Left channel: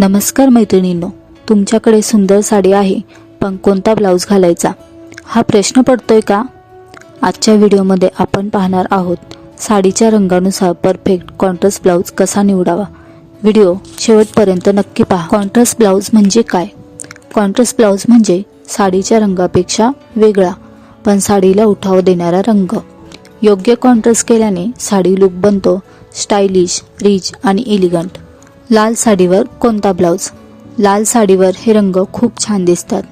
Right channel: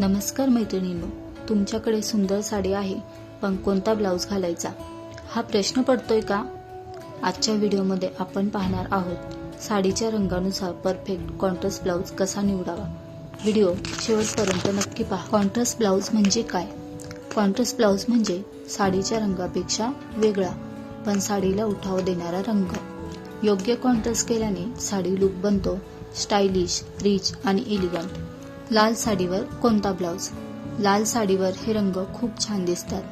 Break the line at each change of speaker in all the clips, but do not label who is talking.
नमस्कार मैत्रिणींनो तुमच्याकडे सुंदर साडी आहे पण कोणता ब्लाऊज घालायचा? हा प्रश्न पडतोय का? आजच्या व्हिडिओमध्ये आपण पाहणार आहोत साडीच्या रंगानुसार परफेक्ट कॉन्ट्रास्ट ब्लाऊज कसा निवडावा? व्हिडिओ शेवटपर्यंत नक्की पहा. कॉन्ट्रास्ट ब्लाऊज म्हणजे काय? कॉन्ट्रास्ट ब्लाऊज म्हणजे साडीच्या रंगापेक्षा वेगळा पण साडीला उठाव देणारा रंग. योग्य कॉन्ट्रास्ट केल्याने साडी लुक बनतो स्टायलिश रिच आणि एलिगंट लाल साडीवर कोणता ब्लाऊज? लाल साडीवर हे रंग खूप छान दिसतात.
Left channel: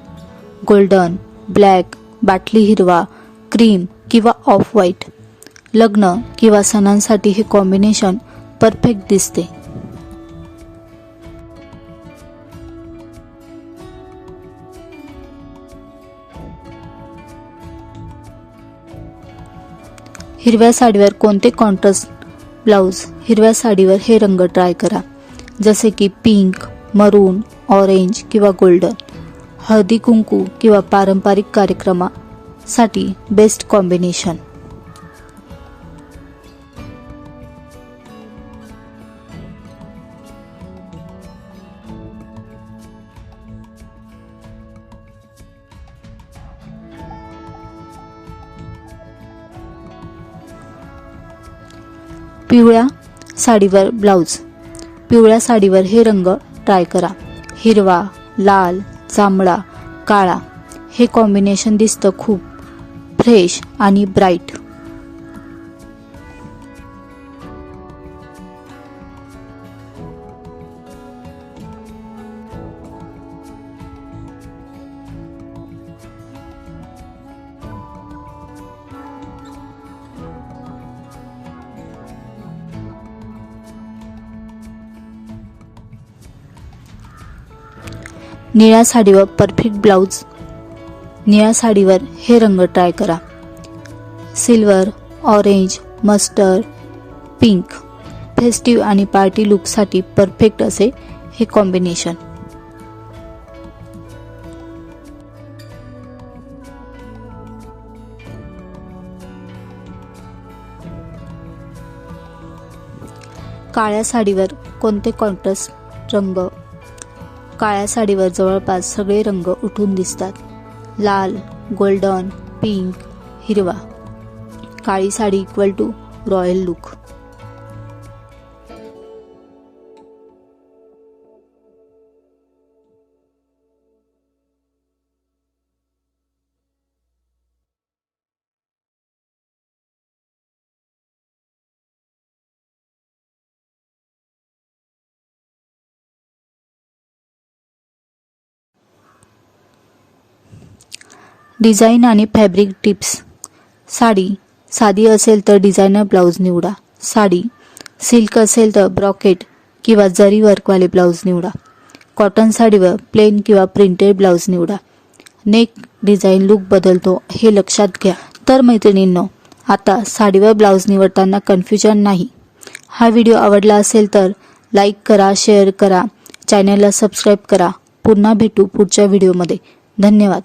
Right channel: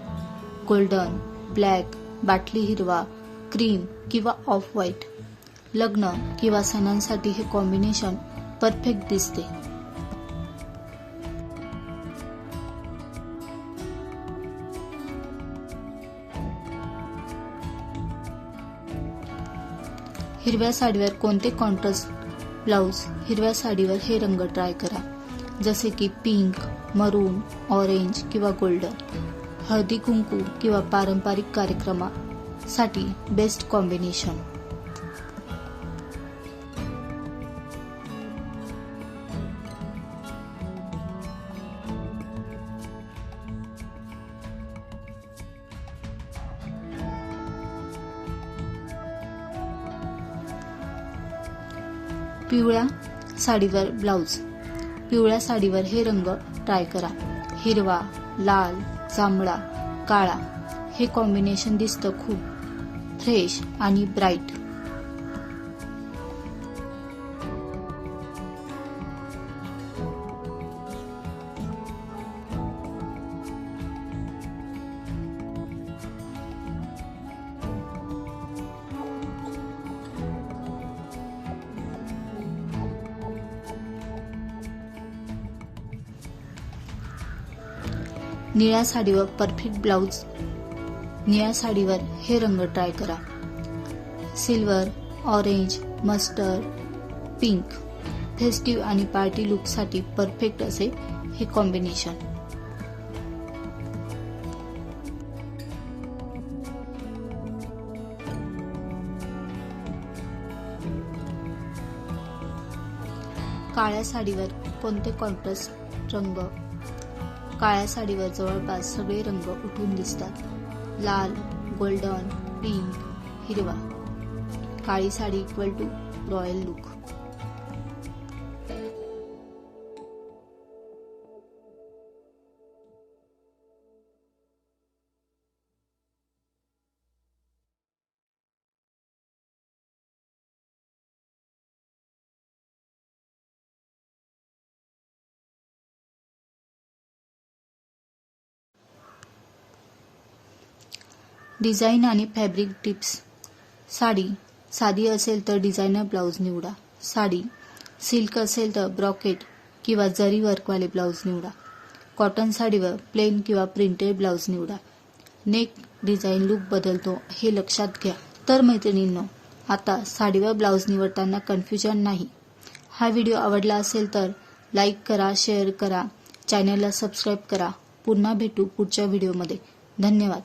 गोल्डन ब्लॅक बाटली हिरवा क्रीम किंवा ऑफ व्हाईट. लग्न किंवा सणांसाठी हे कॉम्बिनेशन परफेक्ट दिसते. हिरव्या साडीवर कोणते कॉन्ट्रास्ट ब्लाऊज? हिरव्या साडीवर हे रंग ट्राय करा. जसे की पिंक मरून ऑरेंज किंवा गोल्डन. हळदी कुंकू किंवा पारंपरिक कार्यक्रमासाठी बेस्ट कॉम्बिनेशन. पिवळ्या साडीवर ब्लाऊज. पिवळ्या साडीवर हे रंग ट्राय करा. हिरवा लाल जांभळा काळा. हे कॉम्बिनेशन दिसतं खूप फ्रेश आणि ब्राईट निळ्या साडीवर परफेक्ट ब्लाऊज निळ्या साडीवर हे रंग ट्राय करा. Silver orange mustard pink festive आणि पार्टी लुकसाठी परफेक्ट असे हे कॉम्बिनेशन काळ्या साडीवर कोणते कॉन्ट्रास्ट रंग. काळ्या साडीवर जवळपास सगळे रंग उठून दिसतात. लाल गोल्डन पिंक हिरवा. काळी sari equal to royal look. Design आणि फॅब्रिक टिप्स. साडी. साधी असेल तर डिझायनर ब्लाऊज निवडा. साडी. सिल्क असेल तर ब्रॉकेट किंवा जरी वर्कवाले ब्लाऊज निवडा. कॉटन साडीवर प्लेन किंवा प्रिंटेड ब्लाऊज निवडा. नेक डिझाईन लुक बदलतो हे लक्षात घ्या. तर मैत्रिणींनो आता साडीवर ब्लाऊज निवडताना कन्फ्युजन नाही. हा व्हिडिओ आवडला असेल तर लाईक करा शेअर करा चॅनलला सबस्क्राईब करा. पुन्हा भेटू पुढच्या व्हिडिओमध्ये. धन्यवाद.